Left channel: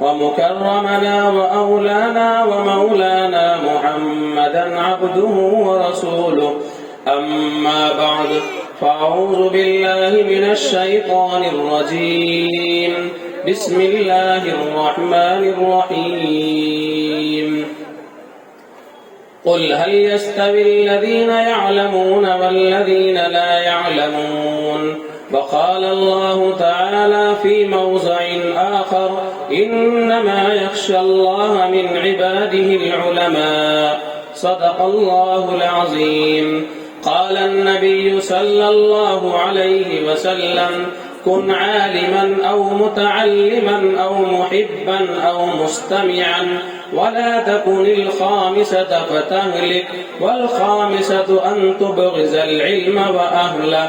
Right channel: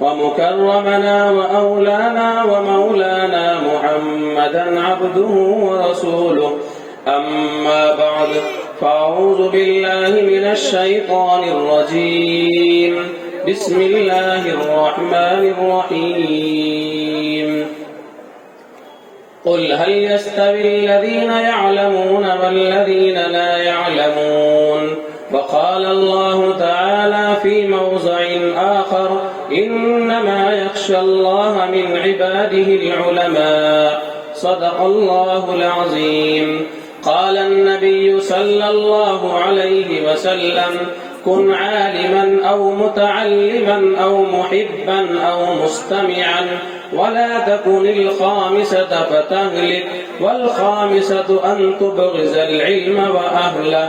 ومكرمنا وأولانا ومولانا محمدا عبده ورسوله. أما بعد، فأعوذ بالله من الشيطان الرجيم. بسم الله الرحمن الرحيم. قل هل يستوي الذين يعلمون والذين لا يعلمون؟ وقال الله تعالى في موضع آخر: إنما يخشى الله من عباده العلماء. صدق الله العظيم. قال النبي صلى الله عليه وسلم: كن عالما أو متعلما أو محبا أو مستمعا، ولا تكن الخامسة فتهلك، والخامسة أن تبغض العلم وأهله،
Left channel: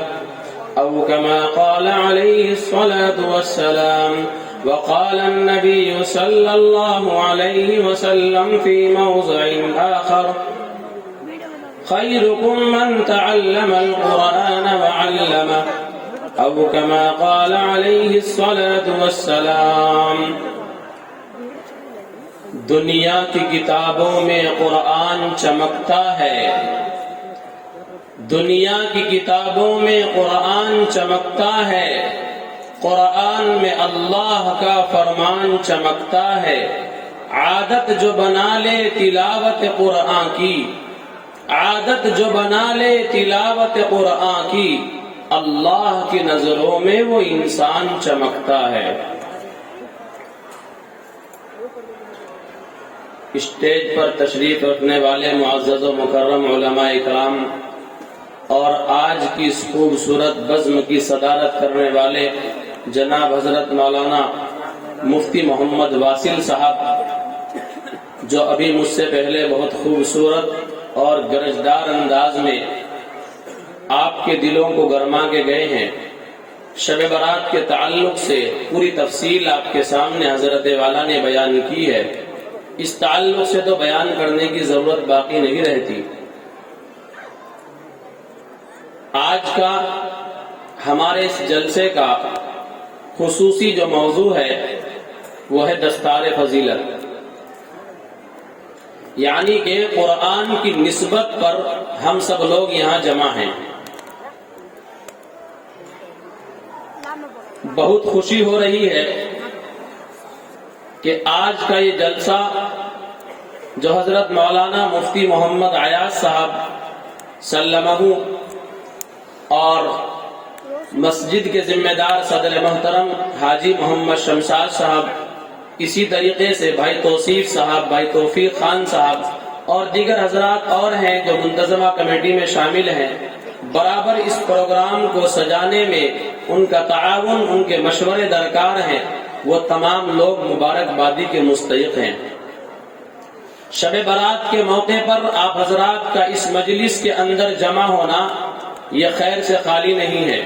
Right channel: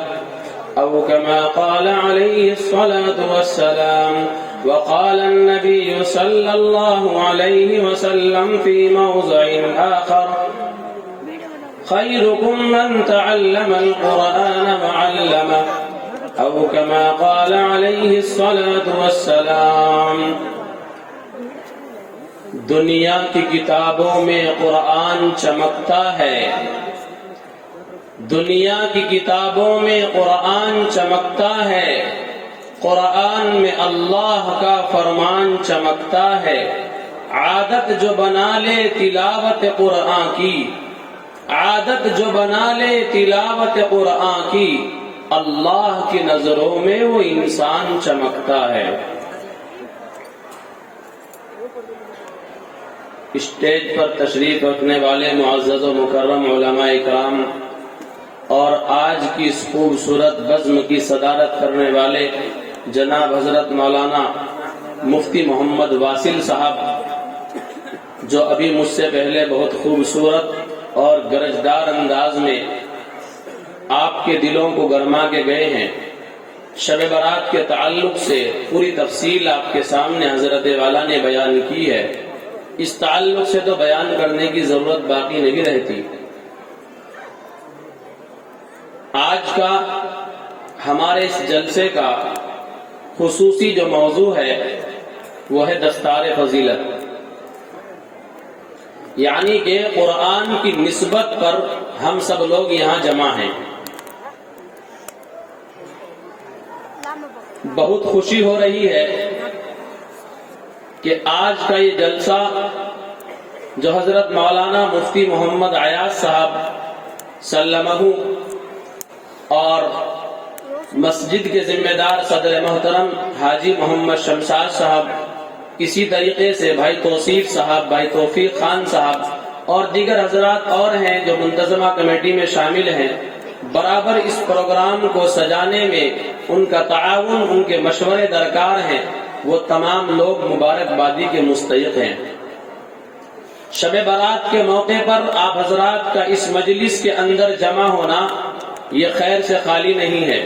أو كما قال عليه الصلاة والسلام. وقال النبي صلى الله عليه وسلم في موضع آخر: خيركم من تعلم القرآن وعلمه، أو كما قال عليه الصلاة والسلام. دنیا کی کتابوں میں قرآن چمکتا ہے، دنیا کی کتابوں میں قرآن چمکتا ہے، قرآن میں اللہ کا فرمان چمکتا ہے. عادت جو بنا لے تلاوت قرآن کی، عادت جو بنا لے تلاوت قرآن کی، اللہ کی نظروں میں وہ انسان چمکتا ہے. اسٹیج پر تشریف رکھنے والے معزز و مکرم علماء کرام اور آج کی اس خوبصورت بزم کی صدارت کرنے والے جناب حضرت مولانا مفتی محمد واصل صاحب، جو ابھی مجھ سے پہلے بہت خوبصورت اور گرجدار انداز میں آپ کے دلوں کو گرما کے گئے ہیں. شب برات کے تعلق سے پوری تفصیل آپ کے سامنے حضرت والا نے بیان کی ہے. اس تعلق سے تو بیان کرنے کی ضرورت باقی نہیں رہتی. آج کا ہمارے اس جلسے کا خصوصی جو موضوع ہے وہ ہے دستار فضیلت، یعنی کہ قرآن کی نسبت پر ہم سب لوگ یہاں جمع ہیں. بہت خوشی ہو رہی ہے کہ آج کا یہ جلسہ جو حضرت مولانا مفتی محمد ایاز صاحب سلمہ اور مسجد کے ذمہ دار صدر محترم حاجی محمد شمشاد صاحب، اسی طریقے سے بھائی توصیف صاحب، بھائی توفیق خان صاحب اور دیگر حضرات اور ہیں جو منتظمہ کمیٹی میں شامل ہیں، برابر اس پروگرام کو سجانے میں ان کا تعاون، ان کے مشورے درکار ہیں. وہ تمام لوگ مبارکبادی کے مستحق ہیں. شب برات کے موقع پر آپ حضرات کا اس مجلس کے اندر جمع ہونا یہ خیر سے خالی نہیں ہے.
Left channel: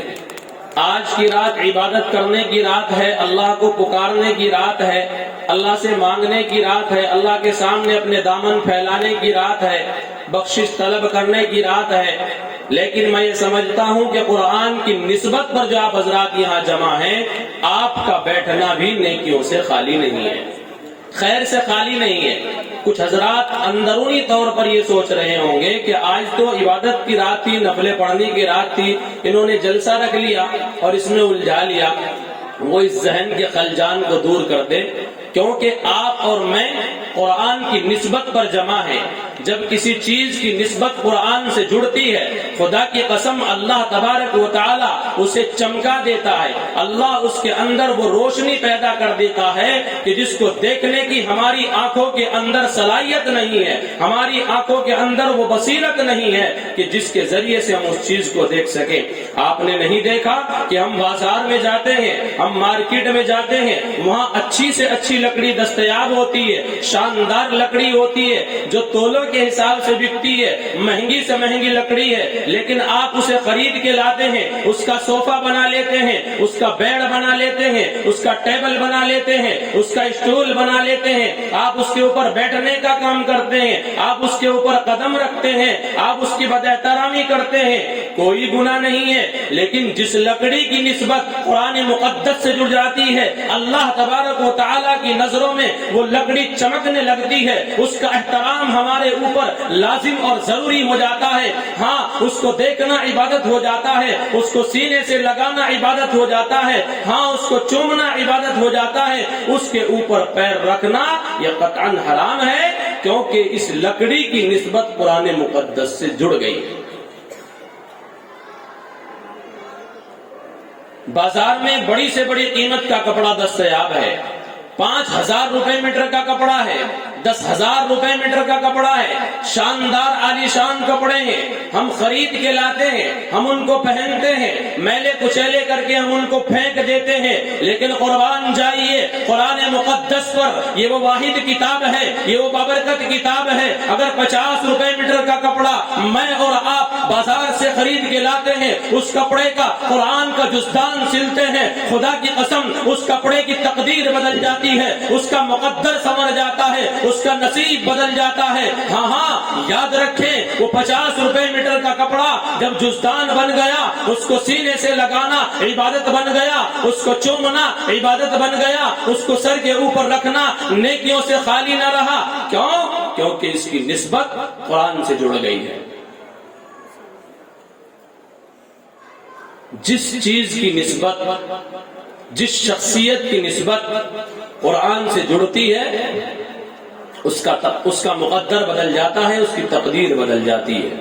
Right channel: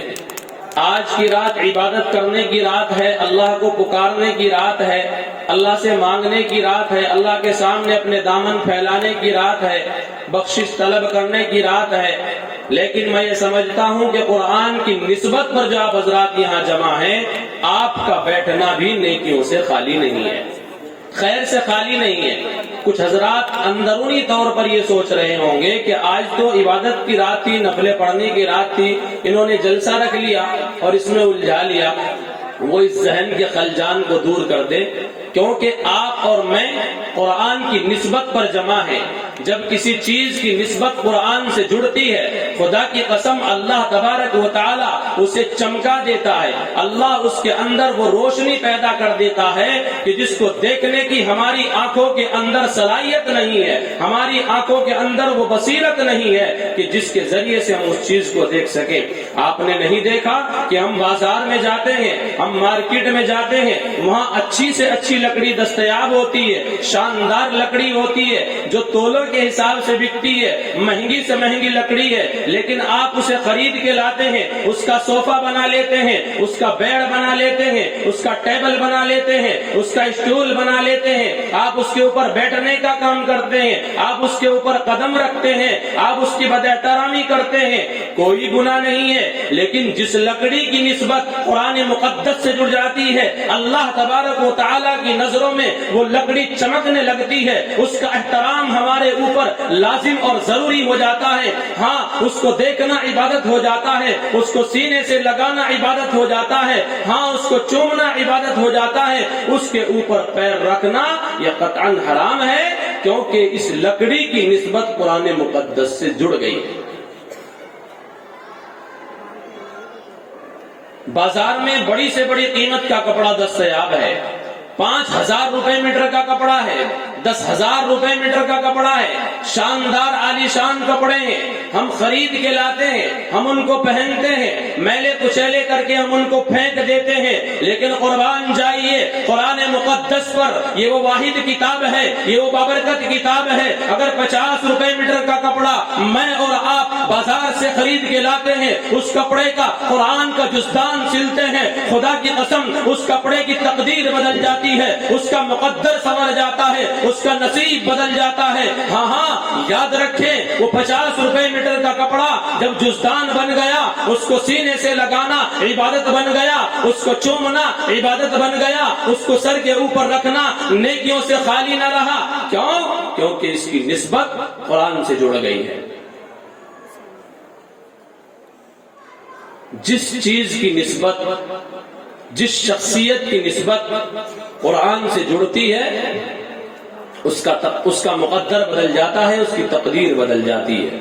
آج کی رات عبادت کرنے کی رات ہے، اللہ کو پکارنے کی رات ہے، اللہ سے مانگنے کی رات ہے، اللہ کے سامنے اپنے دامن پھیلانے کی رات ہے، بخشش طلب کرنے کی رات ہے. لیکن میں یہ سمجھتا ہوں کہ قرآن کی نسبت پر جو آپ حضرات یہاں جمع ہیں، آپ کا بیٹھنا بھی نیکیوں سے خالی نہیں ہے، خیر سے خالی نہیں ہے. کچھ حضرات اندرونی طور پر یہ سوچ رہے ہوں گے کہ آج تو عبادت کی رات تھی، نفلیں پڑھنے کی رات تھی، انہوں نے جلسہ رکھ لیا اور اس میں الجھا لیا. وہ اس ذہن کے خلجان کو دور کر دے، کیونکہ آپ اور میں قرآن کی نسبت پر جمع ہیں. جب کسی چیز کی نسبت قرآن سے جڑتی ہے، خدا کی قسم اللہ تبارک و تعالی اسے چمکا دیتا ہے. اللہ اس کے اندر وہ روشنی پیدا کر دیتا ہے کہ جس کو دیکھنے کی ہماری آنکھوں کے اندر صلاحیت نہیں ہے، ہماری آنکھوں کے اندر وہ بصیرت نہیں ہے کہ جس کے ذریعے سے ہم اس چیز کو دیکھ سکیں. آپ نے نہیں دیکھا کہ ہم بازار میں جاتے ہیں، ہم مارکیٹ میں جاتے ہیں، وہاں اچھی سے اچھی لکڑی دستیاب ہوتی ہے، شاندار لکڑی ہوتی ہے جو تولوں کے حساب سے بکتی ہے، مہنگی سے مہنگی لکڑی ہے، لیکن آپ اسے خرید کے لاتے ہیں، اس کا صوفہ بنا لیتے ہیں، اس کا بیڈ بنا لیتے ہیں، اس کا ٹیبل بنا لیتے ہیں، اس کا اسٹول بنا لیتے ہیں، آپ اس کے اوپر بیٹھنے کا کام کرتے ہیں، آپ اس کے اوپر قدم رکھتے ہیں، آپ اس کی بد احترامی کرتے ہیں، کوئی گناہ نہیں ہے۔ لیکن جس لکڑی کی نسبت قرآن مقدس سے جڑ جاتی ہے، اللہ تبارک و تعالیٰ کی نظروں میں وہ لکڑی چمکنے لگتی ہے، اس کا احترام ہمارے اوپر لازم اور ضروری ہو جاتا ہے۔ ہاں، اس کو دیکھنا عبادت ہو جاتا ہے، اس کو سینے سے لگانا عبادت ہو جاتا ہے، ہاں اس کو چومنا عبادت ہو جاتا ہے، اس کے اوپر پیر رکھنا یہ قطعاً حرام ہے، کیونکہ اس لکڑی کی نسبت قرآن مقدس سے جڑ گئی ہے۔ بازار میں بڑی سے بڑی قیمت کا کپڑا دستیاب ہے، 5,000 روپے میٹر کا کپڑا ہے، 10,000 روپے میٹر کا کپڑا ہے، شاندار عالیشان کپڑے ہیں، ہم خرید کے لاتے ہیں، ہم ان کو پہنتے ہیں، میلے کچیلے کر کے ہم ان کو پھینک دیتے ہیں۔ لیکن قربان جائیے، قرآن مقدس پر یہ وہ واحد کتاب ہے، یہ وہ بابرکت کتاب ہے، اگر 50 روپے میٹر کا کپڑا میں اور آپ بازار سے خرید کے لاتے ہیں، اس کپڑے کا قرآن کا جزدان سلتے ہیں، خدا کی قسم اس کپڑے کی تقدیر بدل جاتی ہے، اس کا مقدر سمجھ جاتا ہے، اس کا نصیب بدل جاتا ہے۔ ہاں ہاں، یاد رکھیں، وہ 50 روپے میٹر کا کپڑا جب جزدان بن گیا، اس کو سینے سے لگانا عبادت بن گیا، اس کو چومنا عبادت بن گیا، اس کو سر کے اوپر رکھنا نیکیوں سے خالی نہ رہا۔ کیوں؟ کیونکہ اس کی نسبت قرآن سے جڑ گئی ہے۔ جس چیز کی نسبت، جس شخصیت کی نسبت قرآن سے جڑتی ہے، اس کا مقدر بدل جاتا ہے، اس کی تقدیر بدل جاتی ہے۔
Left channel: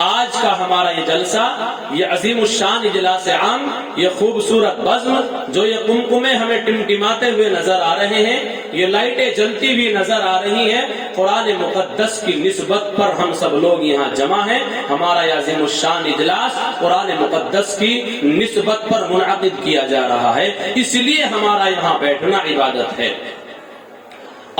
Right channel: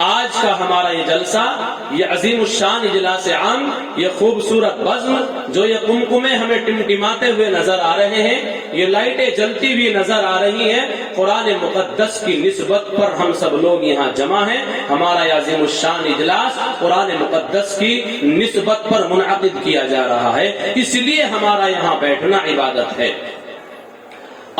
آج کا ہمارا یہ جلسہ، یہ عظیم الشان اجلاس عام، یہ خوبصورت بزم، جو یہ قمقمے ہمیں ٹمٹماتے ہوئے نظر آ رہے ہیں، یہ لائٹیں جلتی ہوئی نظر آ رہی ہیں، قرآن مقدس کی نسبت پر ہم سب لوگ یہاں جمع ہیں۔ ہمارا یہ عظیم الشان اجلاس قرآن مقدس کی نسبت پر منعقد کیا جا رہا ہے، اس لیے ہمارا یہاں بیٹھنا عبادت ہے۔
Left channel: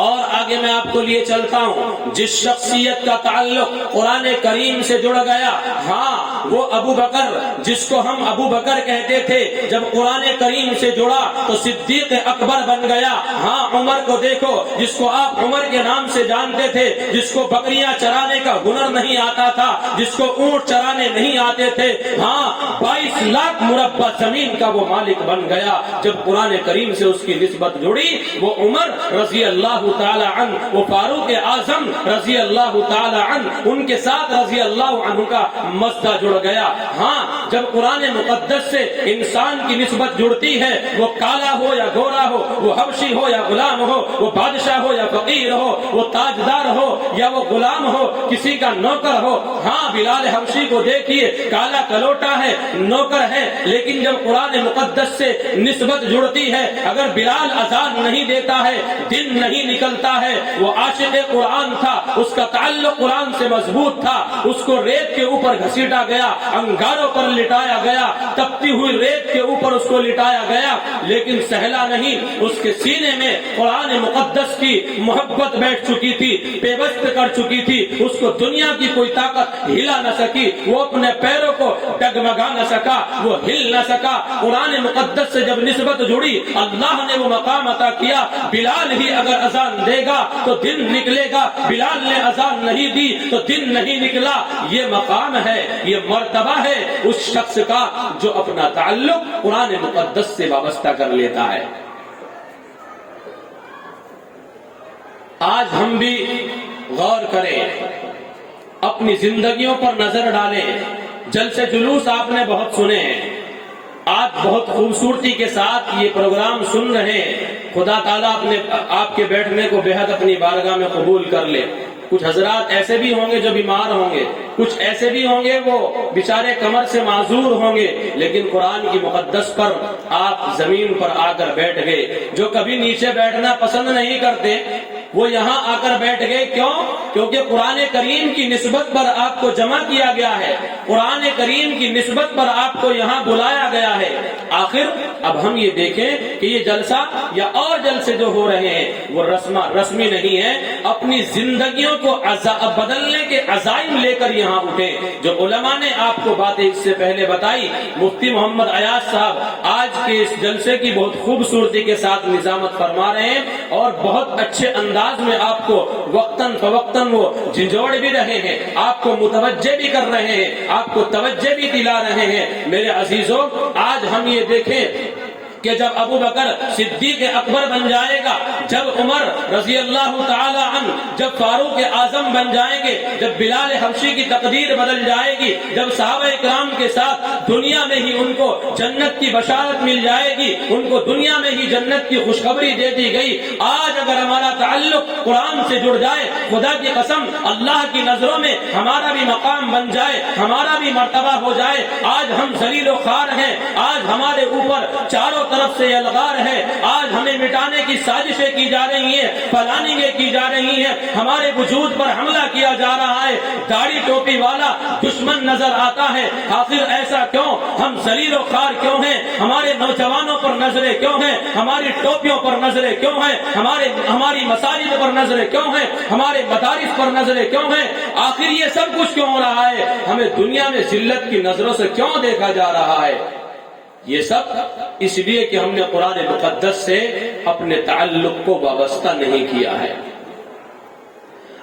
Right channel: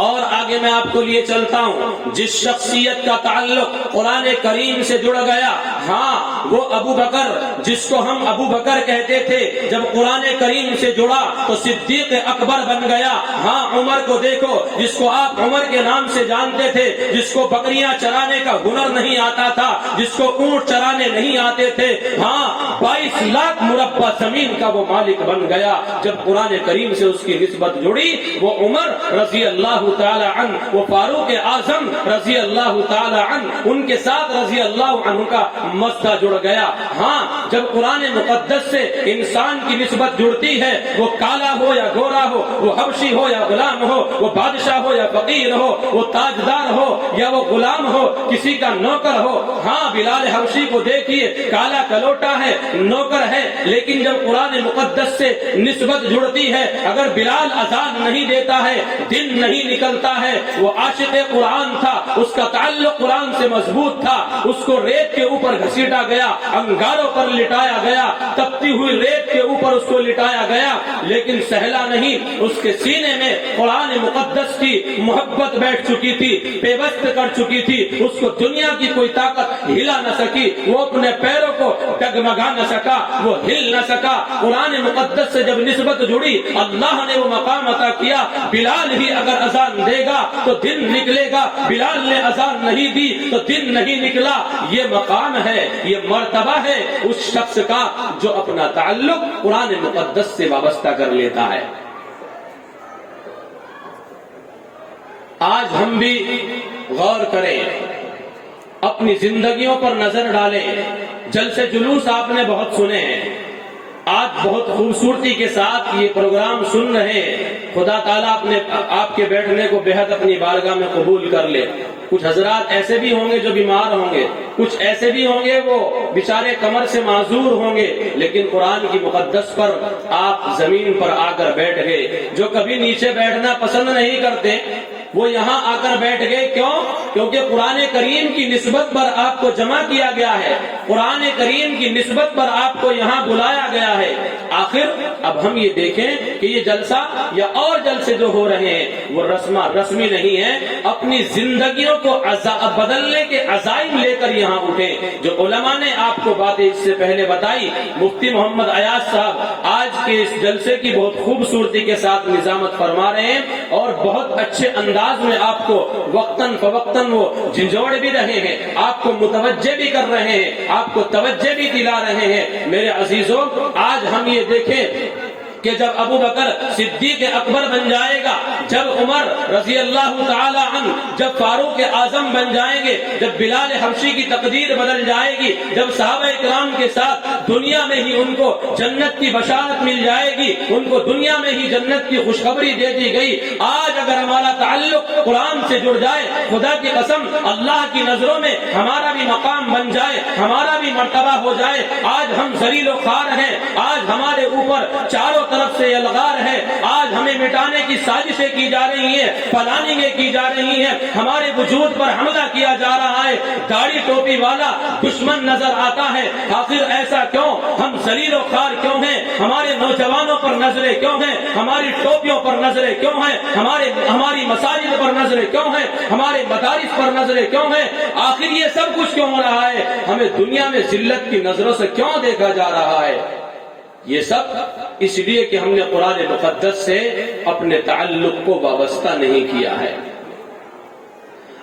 اور آگے میں آپ کو لیے چلتا ہوں، جس شخصیت کا تعلق قرآن کریم سے جڑ گیا، ہاں وہ ابو بکر، جس کو ہم ابو بکر کہتے تھے، جب قرآن کریم سے جڑا تو صدیق اکبر بن گیا۔ ہاں، عمر کو دیکھو، جس کو آپ عمر کے نام سے جانتے تھے، جس کو بکریاں چرانے کا ہنر نہیں آتا تھا، جس کو اونٹ چرانے نہیں آتے تھے، ہاں 22 لاکھ مربع زمین کا وہ مالک بن گیا۔ جب قرآن کریم سے اس کی نسبت جڑی، وہ عمر رضی اللہ تعالی عنہ، وہ فاروق اعظم رضی اللہ تعالی عنہ، ان کے ساتھ رضی اللہ عنہ کا مسئلہ جڑ گیا۔ ہاں، جب قرآن مقدس سے انسان کی نسبت جڑتی ہے، وہ کالا ہو یا گورا ہو، وہ حبشی ہو یا غلام ہو، وہ بادشاہ ہو یا فقیر ہو، وہ تاجدار ہو یا وہ غلام ہو، کسی کا نوکر ہو۔ ہاں، بلال حبشی کو دیکھیے، کالا کلوٹا ہے، نوکر ہے، لیکن جب قرآن مقدس سے نسبت جڑتی ہے، اگر بلال اذان نہیں دیتا ہے، دن نہیں نکلتا ہے، وہ عاشق قرآن تھا، اس کا تعلق قرآن سے مضبوط تھا، اس کو ریت کے اوپر گھسیٹا گیا، انگاروں پر لٹایا گیا، تپتی ہوئی ریت کے اوپر اس کو لٹایا گیا، لیکن سہلا نہیں، اس کے سینے میں قرآن مقدس کی محبت بیٹھ چکی تھی، پیوست کر چکی تھی، اس کو دنیا کی کوئی طاقت ہلا نہ سکی، وہ اپنے پیروں کو ڈگمگا نہ سکا، وہ ہل نہ سکا۔ قرآن مقدس سے جب نسبت جڑی، اللہ نے وہ مقام عطا کیا، بلال ہی اگر اذان دے گا تو دن نکلے گا، بلال نے اذان نہیں دی تو دن نہیں نکلا۔ یہ مقام ہے، یہ مرتبہ ہے اس شخص کا جو اپنا تعلق قرآن مقدس سے وابستہ کر لیتا ہے۔ آج ہم بھی غور کریں، اپنی زندگیوں پر نظر ڈالیں۔ جلسے جلوس آپ نے بہت سنے ہیں، آج بہت خوبصورتی کے ساتھ یہ پروگرام سن رہے ہیں۔ خدا تعالیٰ آپ کے بیٹھنے کو بے حد اپنی بارگاہ میں قبول کر لے۔ کچھ حضرات ایسے بھی ہوں گے جو بیمار ہوں گے، کچھ ایسے بھی ہوں گے وہ بیچارے کمر سے معذور ہوں گے، لیکن قرآن کی مقدس پر آپ زمین پر آ کر بیٹھ گئے۔ جو کبھی نیچے بیٹھنا پسند نہیں کرتے، وہ یہاں آ کر بیٹھ گئے. کیوں؟ کیونکہ قرآن کریم کی نسبت پر آپ کو جمع کیا گیا ہے, قرآن کریم کی نسبت پر آپ کو یہاں بلایا گیا ہے. آخر اب ہم یہ دیکھیں کہ یہ جلسہ یا اور جلسے جو ہو رہے ہیں وہ رسمی نہیں ہے. اپنی زندگیوں کو بدلنے کے عزائم لے کر یہاں اٹھے. جو علماء نے آپ کو باتیں اس سے پہلے بتائی, مفتی محمد ایاز صاحب آج کے اس جلسے کی بہت خوبصورتی کے ساتھ نظامت فرما رہے ہیں اور بہت اچھے انداز میں آپ کو وقتاً فوقتاً وہ جھنجھوڑ بھی رہے ہیں, آپ کو متوجہ بھی کر رہے ہیں, آپ کو توجہ بھی دلا رہے ہیں. میرے عزیزوں, آج ہم یہ دیکھیں کہ جب ابو بکر صدیق اکبر بن جائے گا, جب عمر رضی اللہ تعالی عنہ, جب فاروق اعظم بن جائیں گے, جب بلال حبشی کی تقدیر بدل جائے گی, جب صحابہ کرام کے ساتھ دنیا میں ہی ان کو جنت کی بشارت مل جائے گی, ان کو دنیا میں ہی جنت کی خوشخبری دے دی گئی. آج اگر ہمارا تعلق قرآن سے جڑ جائے, خدا کی قسم اللہ کی نظروں میں ہمارا بھی مقام بن جائے, ہمارا بھی مرتبہ ہو جائے. آج ہم ذلیل و خوار ہیں, آج ہمارے اوپر چاروں طرف سے الغار ہے, آج ہمیں مٹانے کی سازشیں کی جا رہی ہیں, پلاننگیں کی جا رہی ہیں, ہمارے وجود پر حملہ کیا جا رہا ہے. داڑھی ٹوپی والا دشمن نظر آتا ہے. آخر ایسا کیوں؟ ہم ذلیل و خوار کیوں ہیں؟ ہمارے نوجوانوں پر نظریں کیوں ہیں؟ ہماری ٹوپیوں پر نظریں کیوں ہیں؟ ہماری مساجد پر نظریں کیوں ہیں؟ ہمارے مدارس پر نظریں کیوں ہیں؟ آخر یہ سب کچھ کیوں ہو رہا ہے؟ ہمیں دنیا میں ذلت کی نظروں سے کیوں دیکھا جا رہا ہے؟ یہ سب اس لیے کہ ہم نے قرآن مقدس سے اپنے تعلق کو وابستہ نہیں کیا ہے.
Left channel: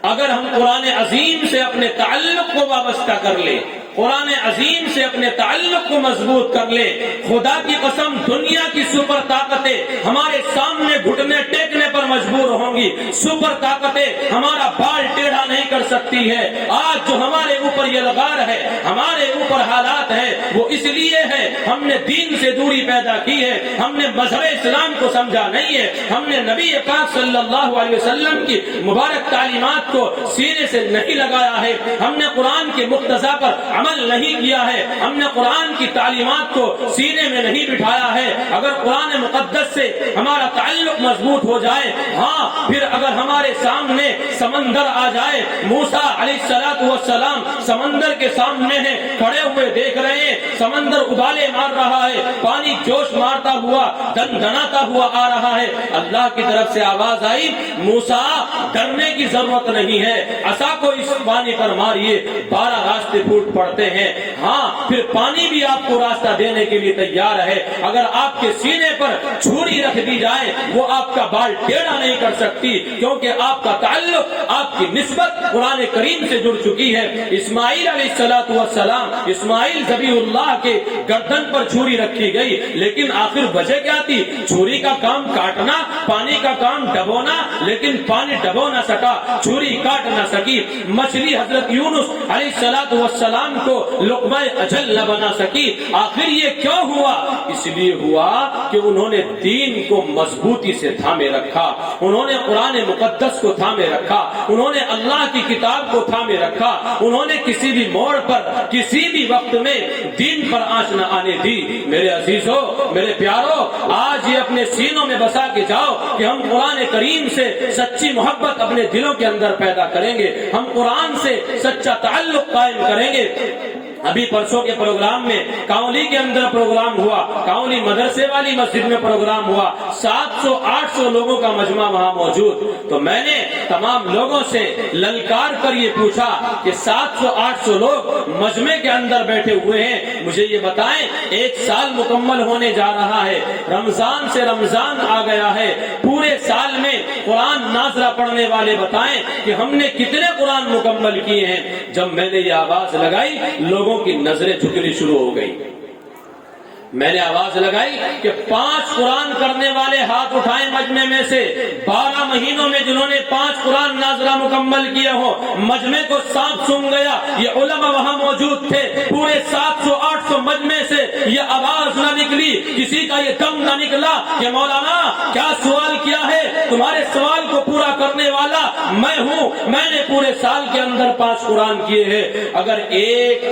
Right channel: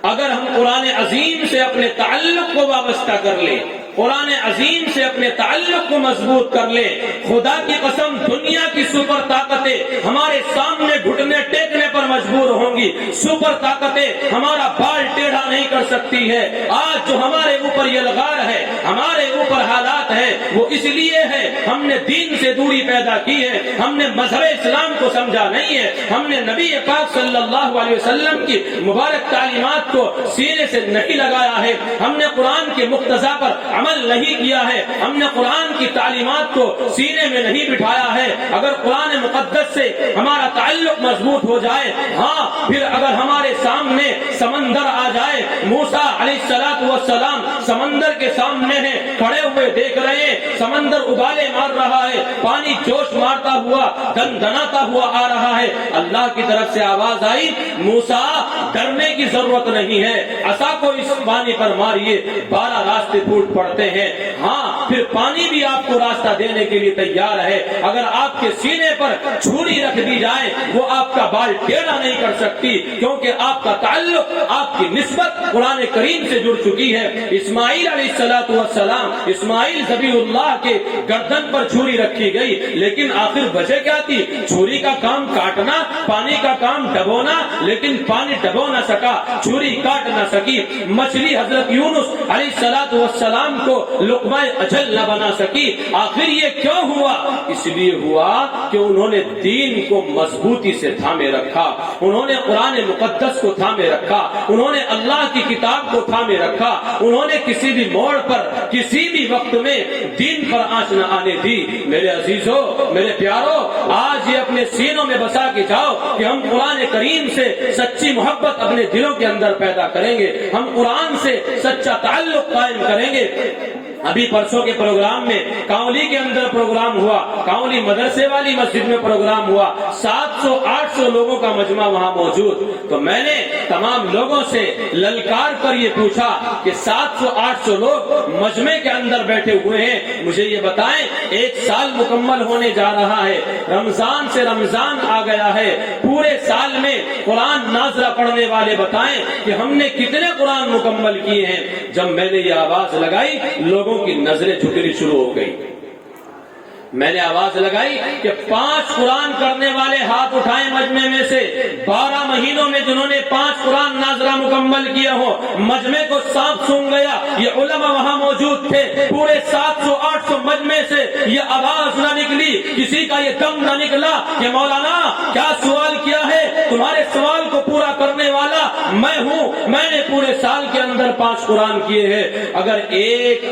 اگر ہم قرآن عظیم سے اپنے تعلق کو وابستہ کر لیں, قرآن عظیم سے اپنے تعلق کو مضبوط کر لیں, خدا کی قسم دنیا کی سپر طاقتیں ہمارے سامنے گھٹنے ٹیکنے پر مجبور ہوں گی. سپر طاقتیں ہمارا بال ٹیڑھا نہیں کر سکتی ہے. آج جو ہمارے اوپر یہ الغار ہے, ہمارے اوپر حالات ہیں, وہ اس لیے ہے ہم نے دین سے دوری پیدا کی ہے, ہم نے مذہب اسلام کو سمجھا نہیں ہے, ہم نے نبی پاک صلی اللہ علیہ وسلم کی مبارک تعلیمات کو سینے سے نہیں لگایا ہے, ہم نے قرآن کے مقتضا پر عمل نہیں کیا ہے, ہم نے قرآن کی تعلیمات کو سینے میں نہیں بٹھایا ہے. اگر قرآن مقدس سے ہمارا تعلق مضبوط ہو جائے, ہاں پھر اگر ہمارے سامنے سمندر آ جائے, موسیٰ علیہ السلام سمندر کے سامنے ہیں, کھڑے ہوئے دیکھ رہے ہیں, سمندر ابالے مار رہا ہے, پانی جوش مارتا ہوا دندناتا ہوا آ رہا ہے. اللہ کی طرف سے آواز آئی, موسیٰ ڈرنے کی ضرورت نہیں ہے, عصا کو اس پانی پر ماریے, 12 راستے پھوٹ پڑتے ہیں. ہاں پھر پانی بھی آپ کو راستہ دینے کے لیے تیار ہے. اگر آپ کے سینے پر چھری رکھ دی جائے, وہ آپ کا بال ٹیڑھا نہیں کر سکتی, کیونکہ آپ کا تعلق, آپ کی نسبت قرآن کریم سے جڑ چکی ہے. اسماعیل علیہ السلام, اسماعیل ذبیح اللہ کے گردن پر چھری رکھی گئی, لیکن آخر وجہ کیا تھی؟ چھری کا کام کاٹنا, پانی کا کام ڈبونا, لیکن پانی ڈبو نہ سکا, چھری کاٹ نہ سکی. مچھلی حضرت یونس علیہ السلام کو لقمہ اجل نہ بنا سکی. آخر یہ کیوں ہوا؟ اس لیے ہوا کہ انہوں نے دین کو مضبوطی سے تھامے رکھا, انہوں نے قرآن مقدس کو تھامے رکھا, انہوں نے اللہ کی کتاب کو تھامے رکھا, انہوں نے کسی بھی موڑ پر, کسی بھی وقت میں دین پر آنچ نہ آنے دی. میرے عزیزوں, میرے پیاروں, آج یہ اپنے سینوں میں بسا کے جاؤ کہ ہم قرآن کریم سے سچی محبت اپنے دلوں کے اندر پیدا کریں گے, ہم قرآن سے سچا تعلق قائم کریں گے. ابھی پرسوں کے پروگرام میں کاؤلی کے اندر پروگرام ہوا, کاؤلی مدرسے والی مسجد میں پروگرام ہوا, 700-800 لوگوں کا مجمع وہاں موجود. تو میں نے تمام لوگوں سے للکار کر یہ پوچھا کہ 700-800 لوگ مجمع کے اندر بیٹھے ہوئے ہیں, مجھے یہ بتائیں, 1 سال مکمل ہونے جا رہا ہے, رمضان سے رمضان آ گیا ہے, پورے سال میں قرآن ناظرہ پڑھنے والے بتائیں کہ ہم نے کتنے قرآن مکمل کیے ہیں. جب میں نے یہ آواز لگائی, لوگوں کی نظریں جھکنی شروع ہو گئی. میں نے آواز لگائی کہ 5 قرآن کرنے والے ہاتھ اٹھائیں مجمع میں سے. 12 مہینوں میں جنہوں نے 5 قرآن ناظرہ مکمل کیے ہو, مجمع کو سانپ سونگ گیا. یہ علماء وہاں موجود تھے, پورے 700-800 مجمع سے یہ آواز نہ نکلی, کسی کا یہ دم نہ نکلا کہ مولانا کیا سوال کیا ہے, تمہارے سوال کو پورا کرنے والا میں ہوں, میں نے پورے سال کے اندر 5 قرآن کیے ہیں. اگر ایک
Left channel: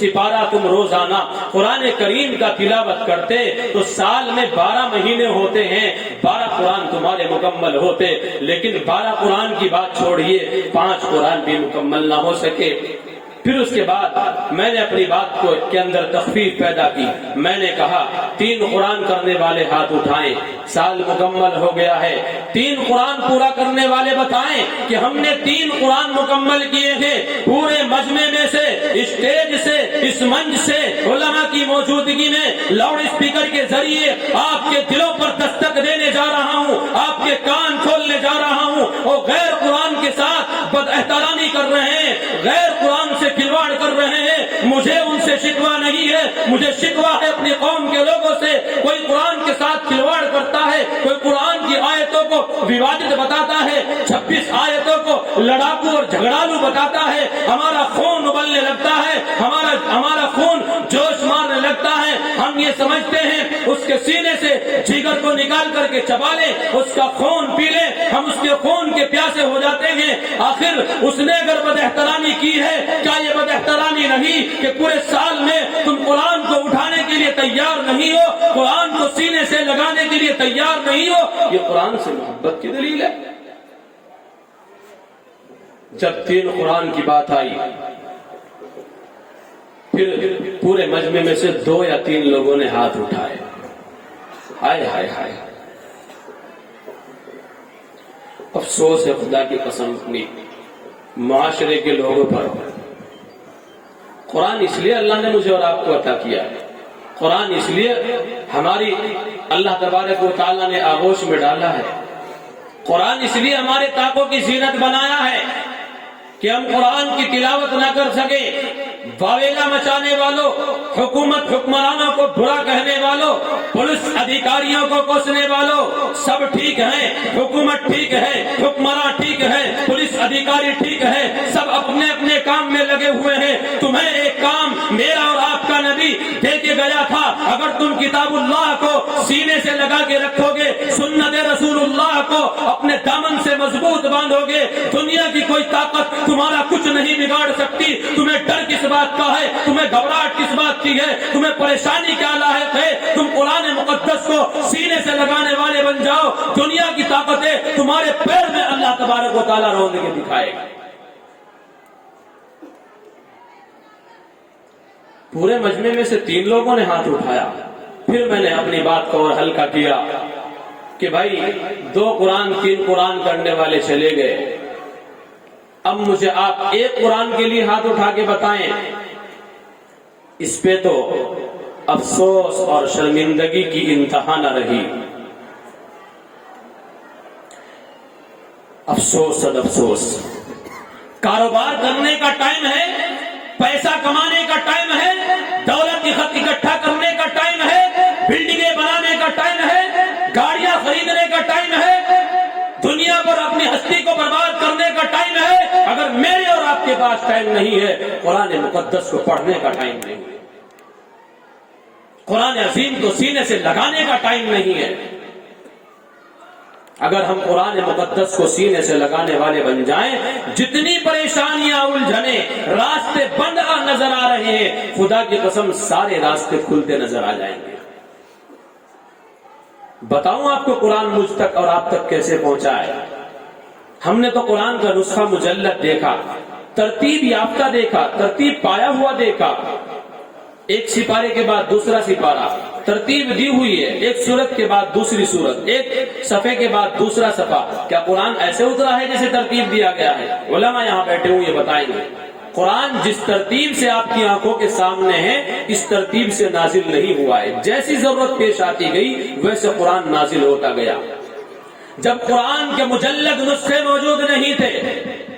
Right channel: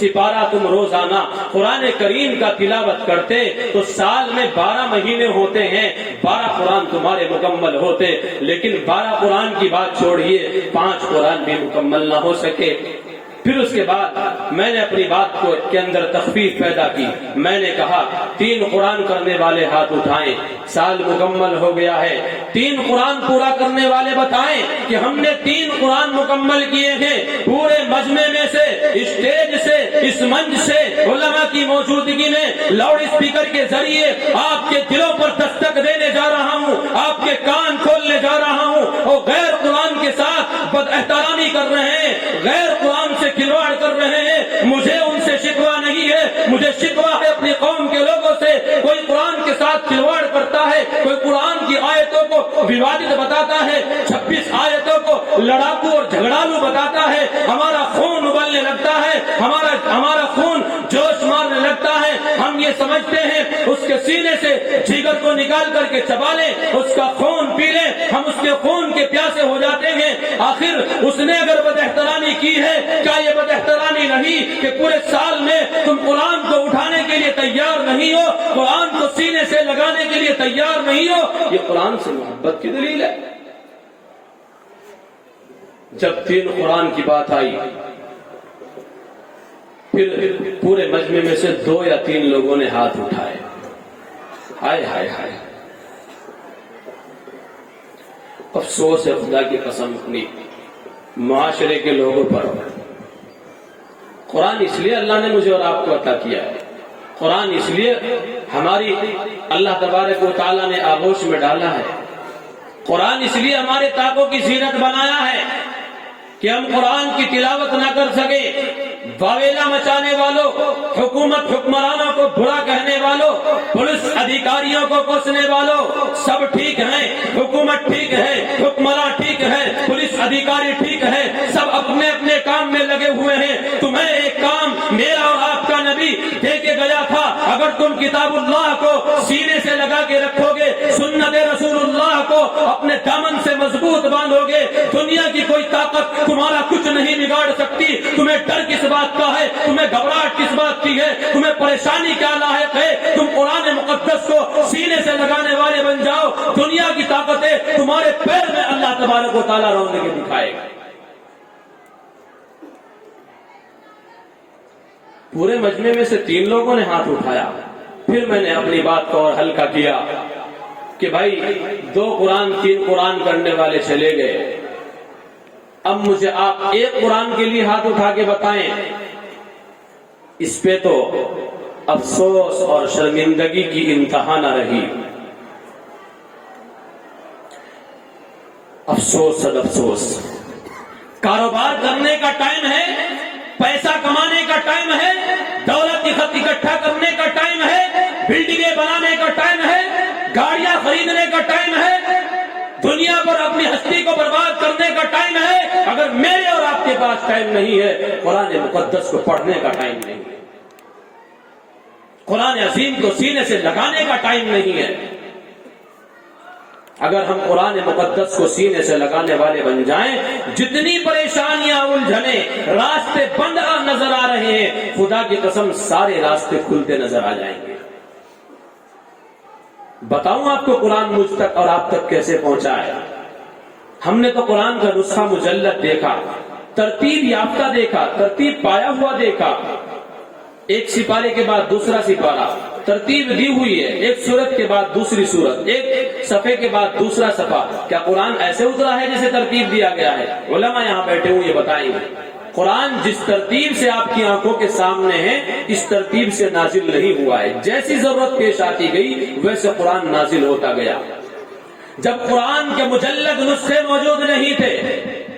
سپارہ تم روزانہ قرآن کریم کا تلاوت کرتے تو سال میں 12 مہینے ہوتے ہیں, 12 قرآن تمہارے مکمل ہوتے، لیکن 12 قرآن کی بات چھوڑیے 5 قرآن بھی مکمل نہ ہو سکے۔ پھر اس کے بعد میں نے اپنی بات کو کے اندر تخفیف پیدا کی، میں نے کہا 3 قرآن کرنے والے ہاتھ اٹھائیں، سال مکمل ہو گیا ہے، 3 قرآن پورا کرنے والے بتائیں کہ ہم نے 3 قرآن مکمل کیے ہیں۔ پورے مجمع میں سے، اسٹیج سے، اس منچ سے، علماء کی موجودگی میں لاؤڈ اسپیکر کے ذریعے آپ کے دلوں پر دستک دینے جا رہا ہوں، آپ کے کان کھولنے جا رہا ہوں۔ وہ غیر قرآن کے ساتھ بد احترامی کر رہے ہیں، غیر قرآن سے کھلواڑ کر رہے ہیں، مجھے ان سے شکوہ نہیں ہے، مجھے شکوہ ہے اپنی قوم کے لوگوں سے۔ کوئی قرآن کے ساتھ کھلواڑ کرتا ہے، کوئی قرآن کی آیتوں کو ووادت بتاتا ہے، 26 آیتوں کو لڑاکو اور جھگڑالو بتاتا ہے، ہمارا خون ابلنے لگتا ہے، ہمارا خون جوش مارنے لگتا ہے۔ ہم یہ سمجھتے ہیں اس کے سینے سے جگر کو نکال کر کے چبا لیں، اس کا خون پی لیں، ہم اس کے خون کے پیاسے ہو جاتے ہیں۔ آخر اس نے اگر بد احترامی کی ہے، کیا یہ بد احترامی نہیں کہ پورے سال میں تم قرآن کو اٹھانے کے لیے تیار نہیں ہو، قرآن کو سینے سے لگانے کے لیے تیار نہیں ہو؟ یہ قرآن سے محبت کی دلیل ہے۔ جب 3 قرآن کی بات آئی، پھر پورے مجمع میں سے 2 یا 3 لوگوں نے ہاتھ اٹھائے۔ ہائے ہائے ہائے، افسوس ہے خدا کی قسم اپنی معاشرے کے لوگوں پر۔ قرآن اس لیے اللہ نے مجھے اور آپ کو عطا کیا ہے، قرآن اس لیے ہماری اللہ تبارک و تعالیٰ نے آغوش میں ڈالا ہے، قرآن اس لیے ہمارے طاقوں کی زینت بنایا ہے کہ ہم قرآن کی تلاوت نہ کر سکے۔ واویلا مچانے والوں، حکومت حکمرانوں کو برا کہنے والوں، پولیس ادھیکاریوں کو کوسنے والوں، سب ٹھیک ہیں، حکومت ٹھیک ہے، حکمراں ٹھیک ہے، پولیس ادھیکاری ٹھیک ہے، سب اپنے اپنے کام میں لگے ہوئے ہیں۔ تمہیں ایک کام میرا اور آپ کا نبی دے کے گیا تھا، اگر تم کتاب اللہ کو سینے سے لگا کے رکھو گے، سنت رسول اللہ کو اپنے دامن سے مضبوط باندھو گے، دنیا کی کوئی طاقت تمہارا کچھ نہیں بگاڑ سکتی۔ تمہیں ڈر کس بات کا ہے؟ تمہیں گھبراہٹ کس بات کی ہے؟ تمہیں پریشانی کیا لاحق ہے؟ تم قرآن مقدس کو سینے سے لگانے والے بن جاؤ، دنیا کی طاقتیں تمہارے پیر میں اللہ تبارک و تعالیٰ روند کے دکھائے گا۔ پورے مجمع میں سے 3 لوگوں نے ہاتھ اٹھایا۔ پھر میں نے اپنی بات کو اور ہلکا کیا کہ بھائی 2 قرآن 3 قرآن کرنے والے چلے گئے، اب مجھے آپ 1 قرآن کے لیے ہاتھ اٹھا کے بتائیں۔ اس پہ تو افسوس اور شرمندگی کی انتہا نہ رہی۔ افسوس اور افسوس، کاروبار کرنے کا ٹائم ہے، پیسہ کمانے کا ٹائم ہے، دولت اکٹھا کرنے کا ٹائم ہے، بلڈنگیں بنانے کا ٹائم ہے، گاڑیاں خریدنے کا ٹائم ہے، دنیا پر اپنی ہستی کو برباد کرنے کا ٹائم ہے۔ اگر میرے اور آپ کے پاس ٹائم نہیں ہے، قرآن مقدس کو پڑھنے کا ٹائم نہیں ہے، قرآن عظیم کو سینے سے لگانے کا ٹائم نہیں ہے۔ اگر ہم قرآن مقدس کو سینے سے لگانے والے بن جائیں، جتنی پریشانیاں الجھنیں راستے بند نظر آ رہے ہیں، خدا کی قسم سارے راستے کھلتے نظر آ جائیں گے۔ بتاؤں آپ کو قرآن مجھ تک اور آپ تک کیسے پہنچا ہے؟ ہم نے تو قرآن کا نسخہ مجلد دیکھا، ترتیب یافتہ دیکھا، ترتیب پایا ہوا دیکھا، ایک سپارے کے بعد دوسرا سپارہ، ترتیب دی ہوئی ہے، ایک سورت کے بعد دوسری سورت، ایک صفحے کے بعد دوسرا صفحہ۔ کیا قرآن ایسے اترا ہے جیسے ترتیب دیا گیا ہے؟ علماء یہاں بیٹھے ہوئے یہ بتائیں گے، قرآن جس ترتیب سے آپ کی آنکھوں کے سامنے ہے، اس ترتیب سے نازل نہیں ہوا ہے۔ جیسی ضرورت پیش آتی گئی ویسے قرآن نازل ہوتا گیا۔ جب قرآن کے مجلد نسخے موجود نہیں تھے،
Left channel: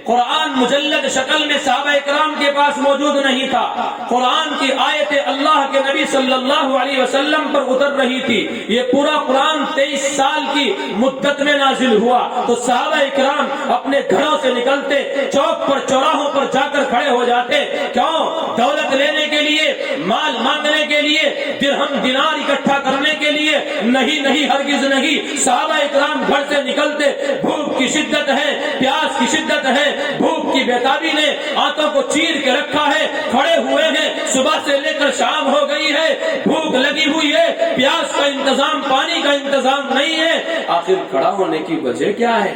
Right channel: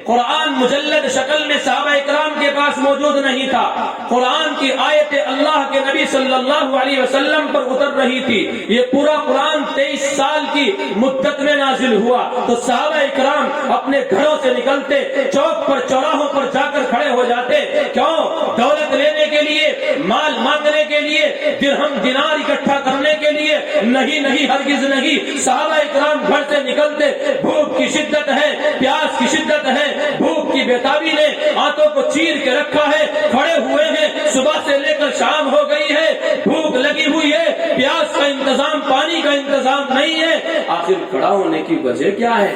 قرآن مجلد شکل میں صحابہ اکرام کے پاس موجود نہیں تھا، قرآن کی آیت اللہ کے نبی صلی اللہ علیہ وسلم پر اتر رہی تھی، یہ پورا قرآن 23 سال کی مدت میں نازل ہوا، تو صحابہ اکرام اپنے گھروں سے نکلتے، چوک پر چوراہوں پر جا کر کھڑے ہو جاتے، کیوں؟ دولت لینے کے لیے، مال مانگنے کے لیے، درہم دینار اکٹھا کرنے کے لیے نہیں، ہرگز نہیں۔ صحابہ اکرام گھر سے نکلتے، بھوک کی شدت ہے، پیاس کی شدت ہے، بھوک کی بیتابی نے ہاتھوں کو چیر کے رکھا ہے، کھڑے ہوئے ہیں، صبح سے لے کر شام ہو گئی ہے، بھوک لگی ہوئی ہے، پیاس کا انتظام، پانی کا انتظام نہیں ہے۔ آخر کھڑا ہونے کی وجہ کیا ہے؟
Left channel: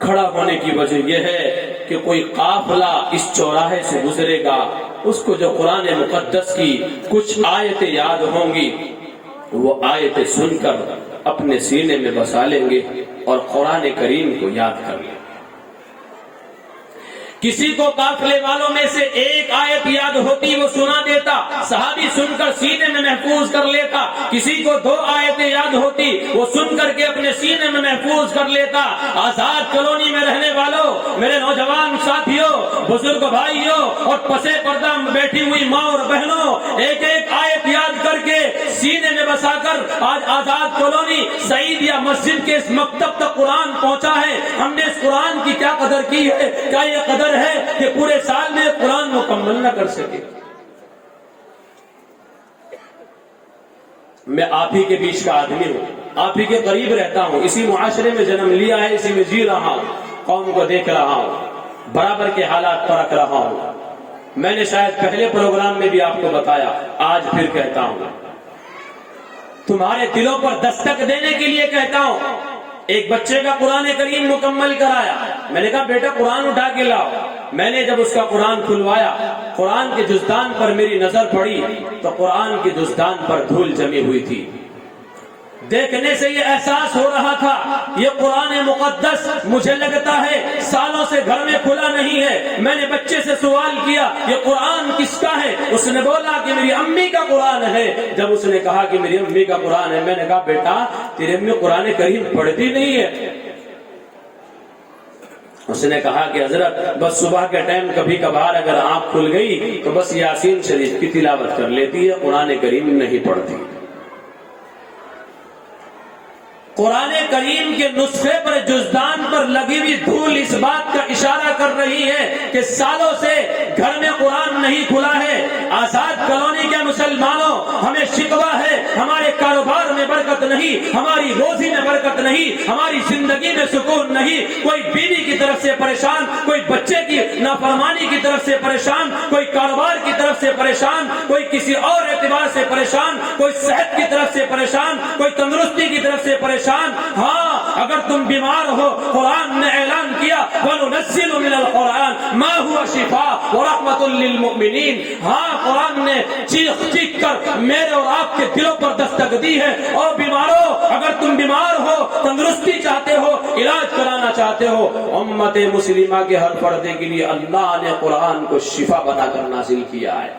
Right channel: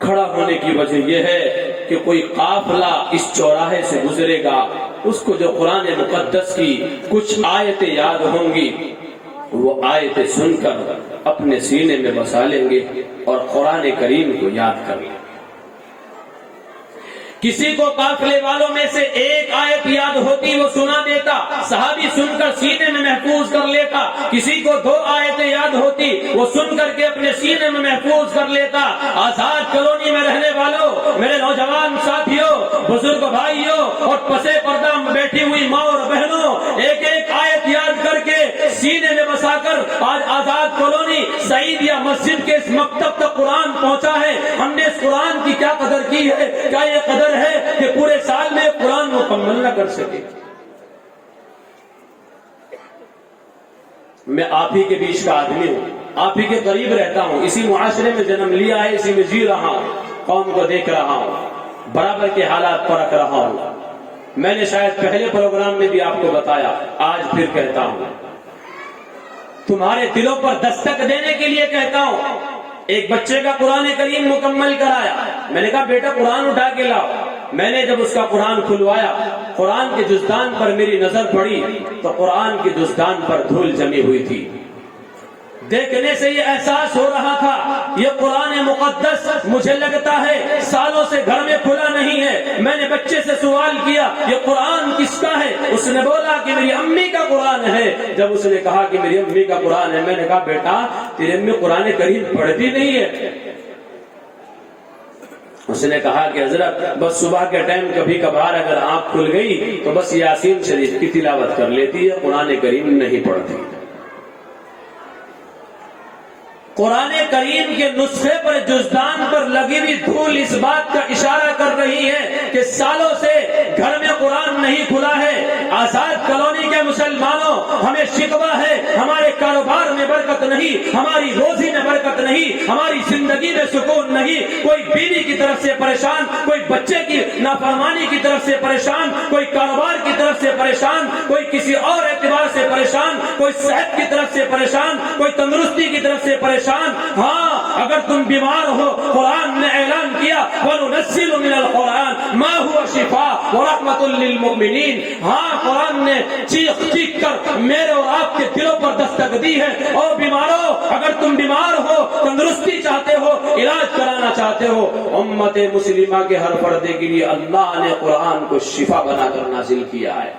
کھڑا ہونے کی وجہ یہ ہے کہ کوئی قافلہ اس چوراہے سے گزرے گا، اس کو جو قرآن مقدس کی کچھ آیتیں یاد ہوں گی وہ آیتیں سن کر اپنے سینے میں بسا لیں گے اور قرآن کریم کو یاد کر لیں گے۔ کسی کو قافلے والوں میں سے ایک آیت یاد ہوتی وہ سنا دیتا، صحابی سن کر سینے میں محفوظ کر لیتا۔ کسی کو 2 آیتیں یاد ہوتی وہ سن کر کے اپنے سینے میں محفوظ کر لیتا۔ آزاد کالونی میں رہنے والوں، میرے نوجوان ساتھیوں، بزرگ بھائیوں اور پسے پردہ بیٹھی ہوئی ماں اور بہنوں، ایک ایک آیت یاد کر کے سینے میں بسا کر آج آزاد کالونی سعید یا مسجد کے اس مکتب تک قرآن پہنچا ہے۔ ہم نے اس قرآن کی کیا قدر کی ہے؟ کیا یہ قدر ہے کہ پورے سال میں قرآن مکمل نہ کر سکے؟ میں آپ ہی کے بیچ کا آدمی ہوں، آپ ہی کے قریب رہتا ہوں، اسی معاشرے میں جنم لیا ہے، اسی میں جی رہا ہوں، قوم کو دیکھ رہا ہوں، برابر کے حالات پرکھ رہا ہوں۔ میں نے شاید پہلے پروگرام میں بھی آپ کو بتایا، آج پھر کہتا ہوں، تمہارے دلوں پر دستک دینے کے لیے کہتا ہوں۔ ایک بچے کا قرآن کریم مکمل کرایا، میں نے کہا بیٹا قرآن اٹھا کے لاؤ۔ میں نے جب اس کا قرآن کھلوایا، قرآن کے جزدان پر میری نظر پڑی تو قرآن کے جزدان پر دھول جمی ہوئی تھی۔ دیکھنے سے یہ احساس ہو رہا تھا یہ قرآن مقدس مجھے لگتا ہے سالوں سے گھر میں کھلا نہیں ہے۔ میں نے بچے سے سوال کیا یہ قرآن کس کا ہے؟ اس نے بولا کہ میری امی کا قرآن ہے۔ جب اس نے کہا کہ میری امی کا قرآن ہے، میں نے کہا بیٹا تیری امی قرآن کریم پڑھتی نہیں ہے؟ اس نے کہا کہ حضرت بس صبح کے ٹائم کبھی کبھار اگر آنکھ کھل گئی تو بس یاسین شریف کی تلاوت کر لیتی ہے، قرآن کریم نہیں پڑھتی۔ قرآن کریم کے نسخے پر جزدان پر لگی ہوئی دھول اس بات کا اشارہ کر رہی ہے کہ سالوں سے گھر میں قرآن نہیں کھلا ہے۔ آزاد کالونی کے مسلمانوں، ہمیں شکوہ ہے ہمارے کاروبار میں برکت نہیں، ہماری روزی میں برکت نہیں، ہماری زندگی میں سکون نہیں۔ کوئی بیوی کی طرف سے پریشان، کوئی بچے کی نافرمانی کی طرف سے پریشان، کوئی کاروبار کی طرف سے پریشان، کوئی کسی اور اعتبار سے پریشان، کوئی صحت کی طرف سے پریشان، کوئی تندرستی کی طرف سے پریشان۔ ہاں اگر تم بیمار ہو، قرآن نے اعلان کیا وَنُنَزِّلُ مِنَ الْقُرْآنِ مَا هُوَ شِفَاءٌ وَرَحْمَةٌ لِّلْمُؤْمِنِينَ۔ ہاں قرآن نے چیخ چیخ کر میرے اور آپ کے دلوں پر دستک دی ہے۔ اور بیماروں، اگر تم بیمار ہو، تندرستی چاہتے ہو، علاج کرانا چاہتے ہو، امت مسلمہ کے ہر پردے کے لیے اللہ نے قرآن کو شفا بنا کر نازل کیا ہے۔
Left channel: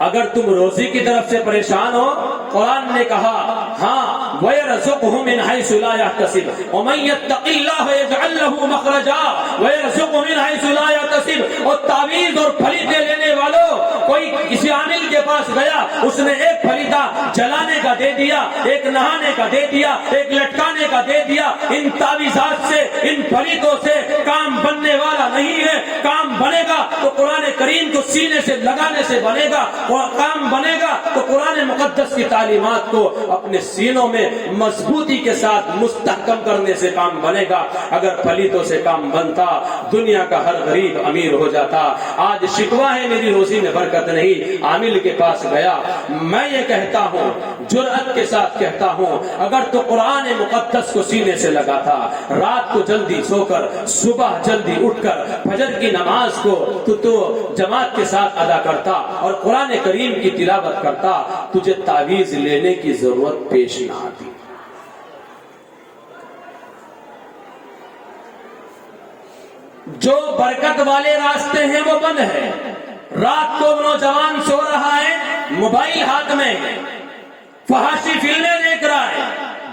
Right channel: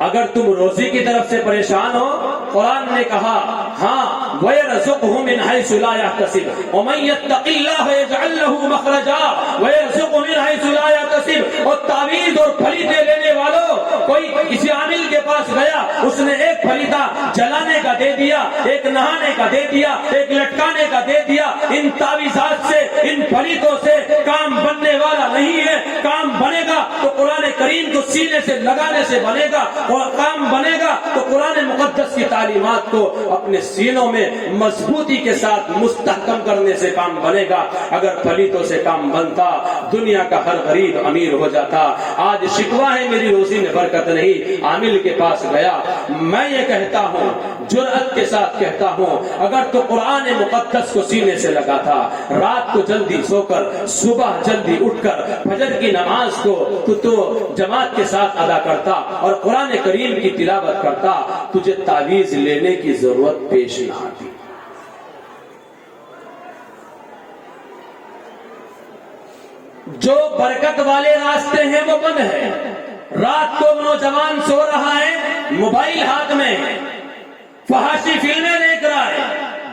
اگر تم روزی کی طرف سے پریشان ہو، قرآن نے کہا ہاں وَيَرْزُقْهُ مِنْ حَيْثُ لَا يَحْتَسِبُ وَمَنْ يَتَّقِ اللَّهَ يَجْعَلْ لَهُ مَخْرَجًا وَيَرْزُقْهُ مِنْ حَيْثُ لَا يَحْتَسِبُ۔ اور تعویذ اور پھلیتے لینے والوں، کوئی کسی عامل کے پاس گیا، اس نے ایک پھلیتا جلانے کا دے دیا، ایک نہانے کا دے دیا، ایک لٹکانے کا دے دیا۔ ان تعویذات سے، ان پھلیتوں سے کام بننے والا نہیں ہے۔ کام بنے گا تو قرآن کریم کو سینے سے لگانے سے بنے گا، اور کام بنے گا تو قرآن مقدس کی تعلیمات کو اپنے سینوں میں مضبوطی کے ساتھ مستحکم کرنے سے کام بنے گا۔ اگر پلیتوں سے کام بنتا دنیا کا ہر غریب امیر ہو جاتا۔ آج شکوہ ہے میری روزی میں برکت نہیں، عامل کے پاس گیا۔ میں یہ کہتا ہوں، جرأت کے ساتھ کہتا ہوں، اگر تو قرآن مقدس کو سینے سے لگا تھا، رات کو جلدی سو کر صبح جلدی اٹھ کر فجر کی نماز کو تو جماعت کے ساتھ ادا کرتا اور قرآن کریم کی تلاوت کرتا، تجھے تعویذ لینے کی ضرورت پیش نہ آتی۔ جو برکت والے راستے ہیں وہ بند ہے۔ رات کو نوجوان سو رہا ہے، موبائل ہاتھ میں، فحاشی فلمیں دیکھ رہا ہے،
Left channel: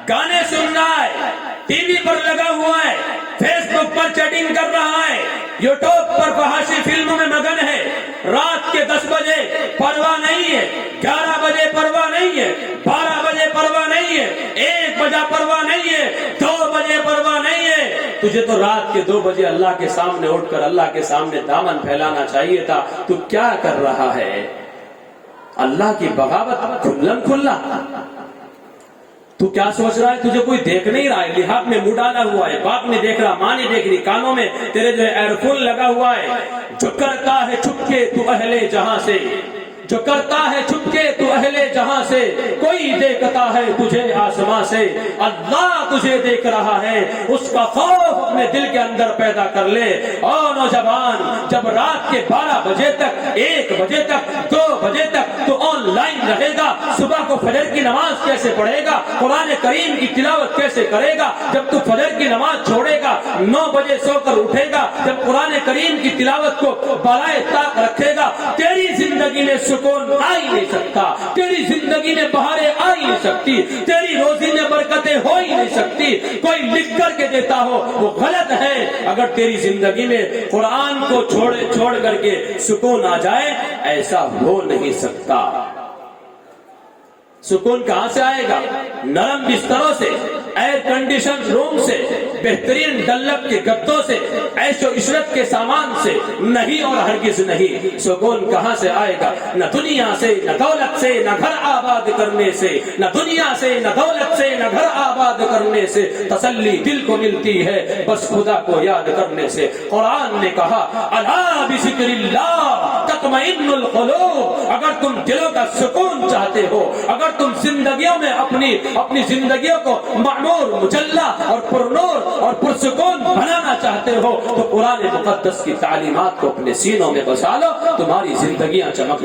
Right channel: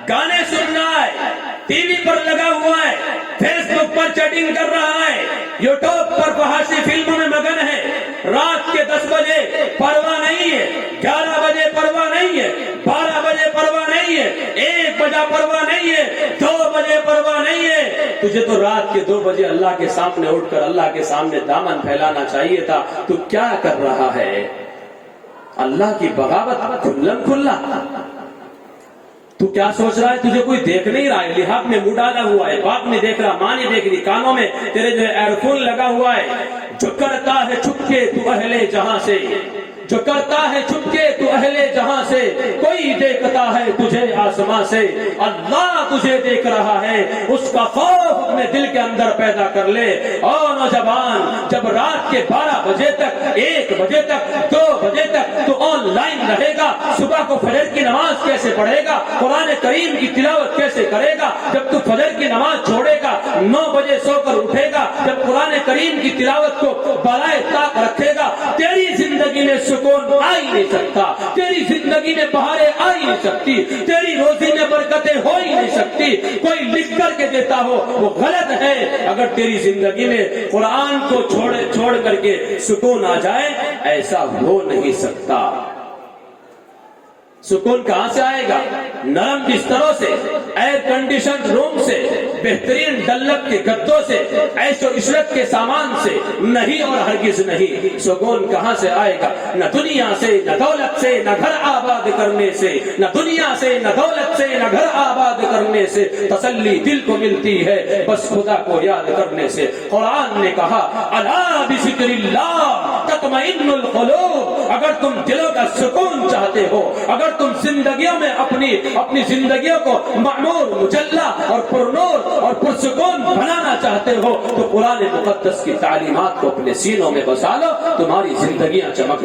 گانے سن رہا ہے، ٹی وی پر لگا ہوا ہے، فیس بک پر چیٹنگ کر رہا ہے، یوٹیوب پر فحاشی فلموں میں مگن ہے۔ رات کے 10 بجے پرواہ نہیں ہے، 11 بجے پرواہ نہیں ہے، 12 بجے پرواہ نہیں ہے، 1 بجے پرواہ نہیں ہے، 2 بجے پرواہ نہیں ہے۔ تجھے تو رات کے 2 بجے اللہ کے سامنے اٹھ کر اللہ کے سامنے دامن پھیلانا چاہیے تھا۔ تو کیا کر رہا ہے؟ اللہ کی بغاوت کھلم کھلا۔ تو کیا سوچ رہا ہے؟ تجھے کوئی دیکھ نہیں رہا ہے، لحاظ میں منہ ڈالا ہوا ہے، باپ نے دیکھ رہا، ماں نے دیکھ رہی، کانوں میں تیرے جو ایئر فون لگا ہوا ہے۔ جو کرتا ہے چھپ کے تو اہل جہاں سے، جو کرتا ہے چھپکے تو اہل جہاں سے، کوئی دیکھتا ہے تجھے آسماں سے، اللہ تجھے دیکھ رہا ہے، اس کا خوف اپنے دل کے اندر پیدا کر لے۔ اور نوجوان، جب رات کے 12 بجے تک، 1 بجے تک، 2 بجے تک تو آن لائن رہے گا، صبح کو فجر کی نماز کیسے پڑھے گا؟ قرآن کریم کی تلاوت کیسے کرے گا؟ جب تو فجر کی نماز چھوڑے گا، 9 بجے سو کر اٹھے گا، جب قرآن کریم کی تلاوت کو بالائے طاق رکھے گا، تیری زندگی میں سکون آ ہی نہیں سکتا، تیری زندگی میں بہاریں آ ہی نہیں سکتی، تیری روزی میں برکتیں ہو ہی نہیں سکتی۔ کوئی لکھ کر کے دیتا ہو وہ غلط ہے۔ اگر تیری زندگی میں قرآن کو چھوڑ کر کے سکون آ جائے، ایسا ہو نہیں سکتا۔ سکون کہاں سے آئے گا؟ نرم بستروں سے، ایئر کنڈیشن روم سے، بہترین ڈلب کے گدوں سے، عیش و عشرت کے سامان سے نہیں، اور ہرگز نہیں۔ سکون کہاں سے آئے گا؟ نہ دنیا سے، نہ دولت سے، نہ گھر آباد کرنے سے، نہ دنیا سے، نہ دولت سے، نہ گھر آباد کرنے سے تسلی دل کو ملتی ہے بس خدا کو یاد کرنے سے۔ قرآن نے کہا الا بذکر اللہ تطمئن القلوب۔ اگر تم دلوں کا سکون چاہتے ہو، اگر تم زندگیوں میں اپنی زندگیوں کو معمور، مجلہ اور پرنور اور پرسکون بنانا چاہتے ہو تو قرآن مقدس کی تعلیمات کو اپنے سینوں میں بسا لو، تمہاری زندگیاں چمک